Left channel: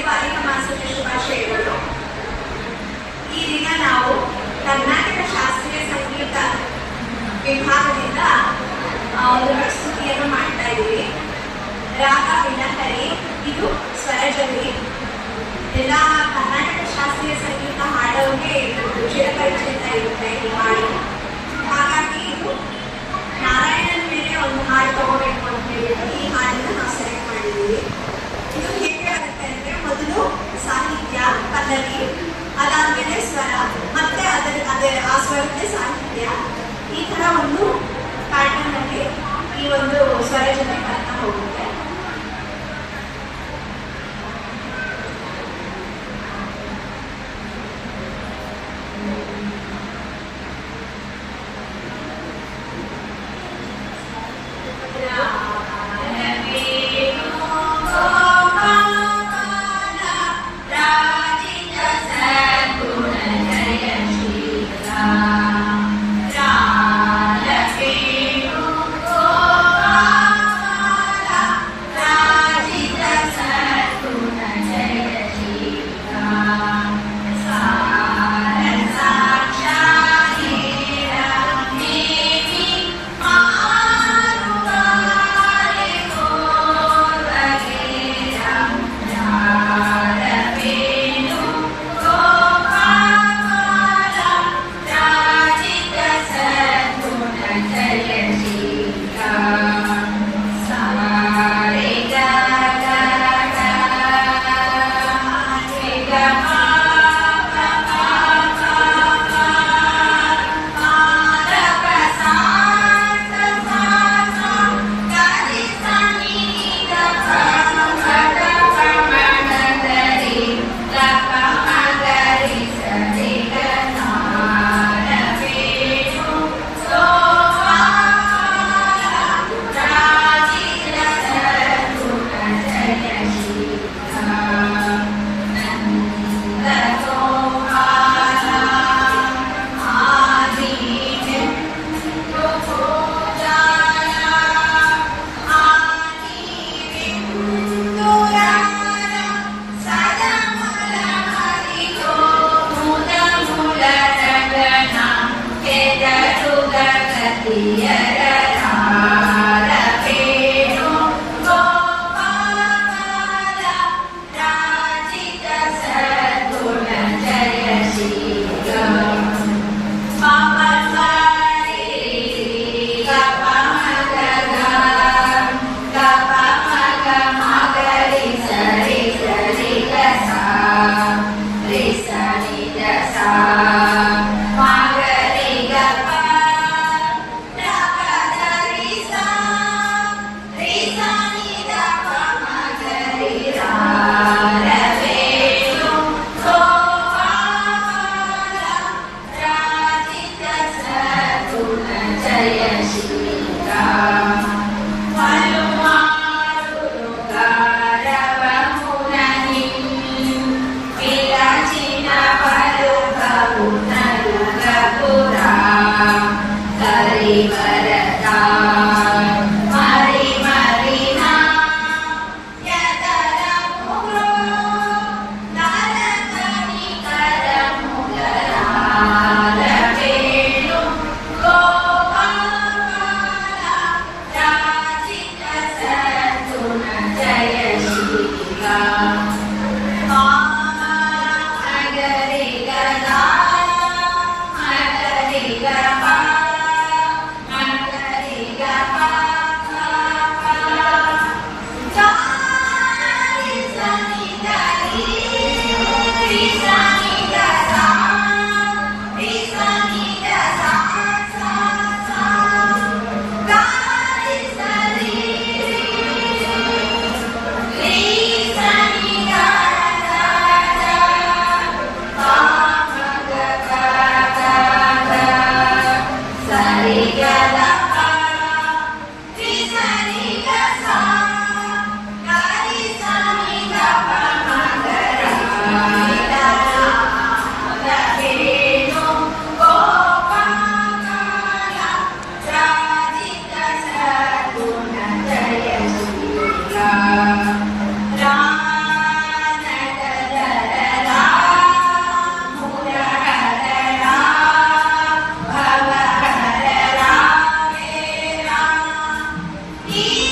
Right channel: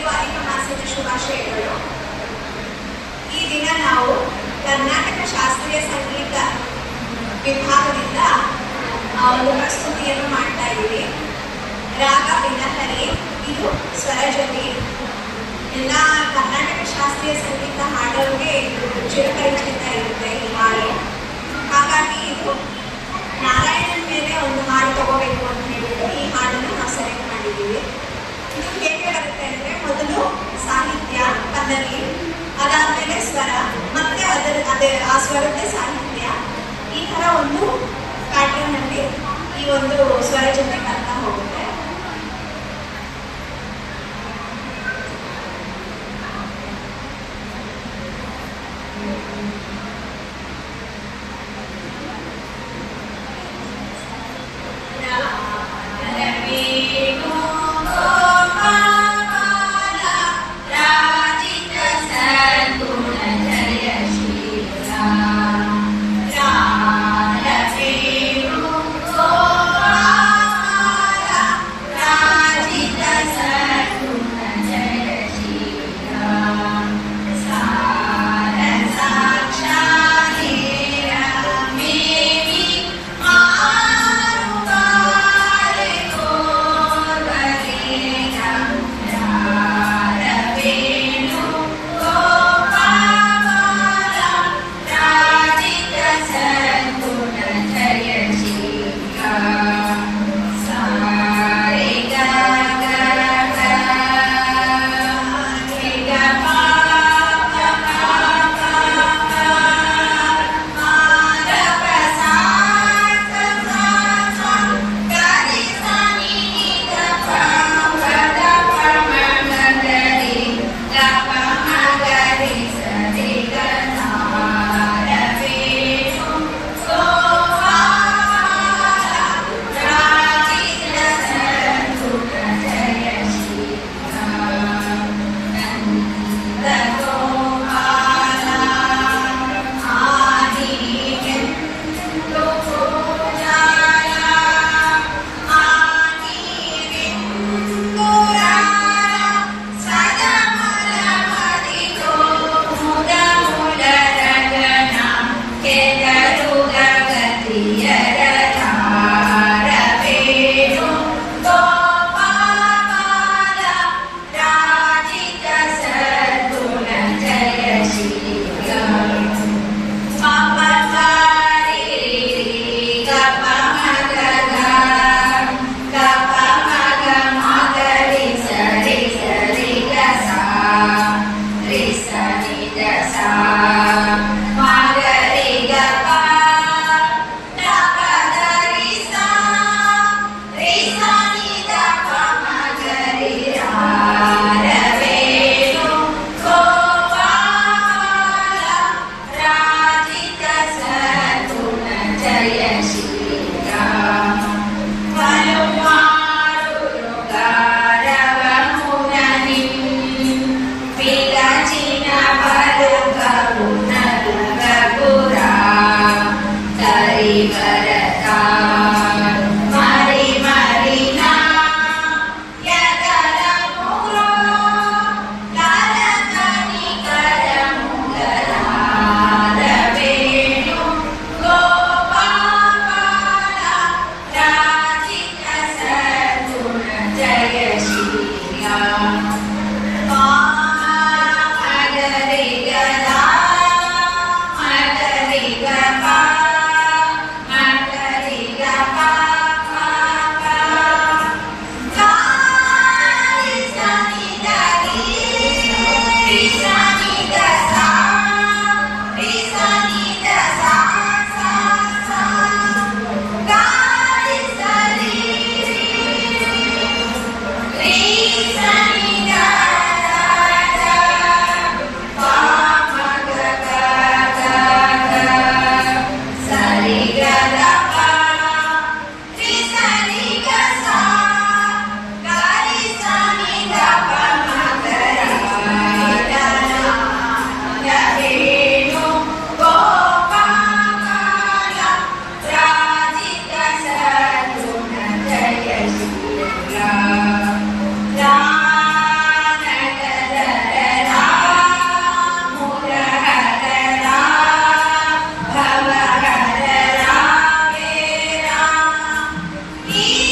ಎಲ್ಲರಿಗೂ ಅಧಿಕ ಮಾಸದ ಶುಭಾಶಯಗಳು. ಈ ದಿನ ನಾವು ಕರ್ನಾಟಕ ಶಾಸ್ತ್ರೀಯ ಸಂಗೀತ ವಿಭಾಗದಿಂದ ಒಂದು ಪ್ರಸ್ತುತಿಯನ್ನು ಮಾಡ್ತಾ ಇದ್ದೀವಿ. ರಾಗ ವಿನಹರಿ, ಇದು ಸ್ವರಜಲಿ. ಎಲ್ಲ ಕರ್ನಾಟಕ ಶಾಸ್ತ್ರೀಯ ಸಂಗೀತ ಹಾಡೋರಿಗೆ ಇದು ಚಿರಪರಿಚಿತ ಇರುತ್ತೆ ಈ ಹಾಡು. ಹಾಗಾಗಿ ಇದು ನಾರಾಯಣನ ಮೇಲೆ ಒಂದು ಹಾಡು ತಗೋಬೇಕು ಅಂತ ಹೇಳಿಬಿಟ್ಟು ಈ ಹಾಡನ್ನು ನಾವು ಸೆಲೆಕ್ಟ್ ಮಾಡಿದ್ದೀವಿ. ಇದು ಹೇಗೆ ಬರುತ್ತೆ ಅಂದರೆ, ಮೊದಲು ಸಾಹಿತ್ಯ ಪಲ್ಲವಿ, ಅದಾದ್ಮೇಲೆ ಸ್ವರ, ಮತ್ತೆ ಆ ಸ್ವರಕ್ಕೆ ಸಾಹಿತ್ಯ, ಈ ತರ ಒಂದು ಪ್ಯಾಟರ್ನ್ ಅಲ್ಲಿ ಈ ಒಂದು ಸ್ವರ ಜೊತೆ ಬರ್ತಾ ಹೋಗುತ್ತೆ. ಈ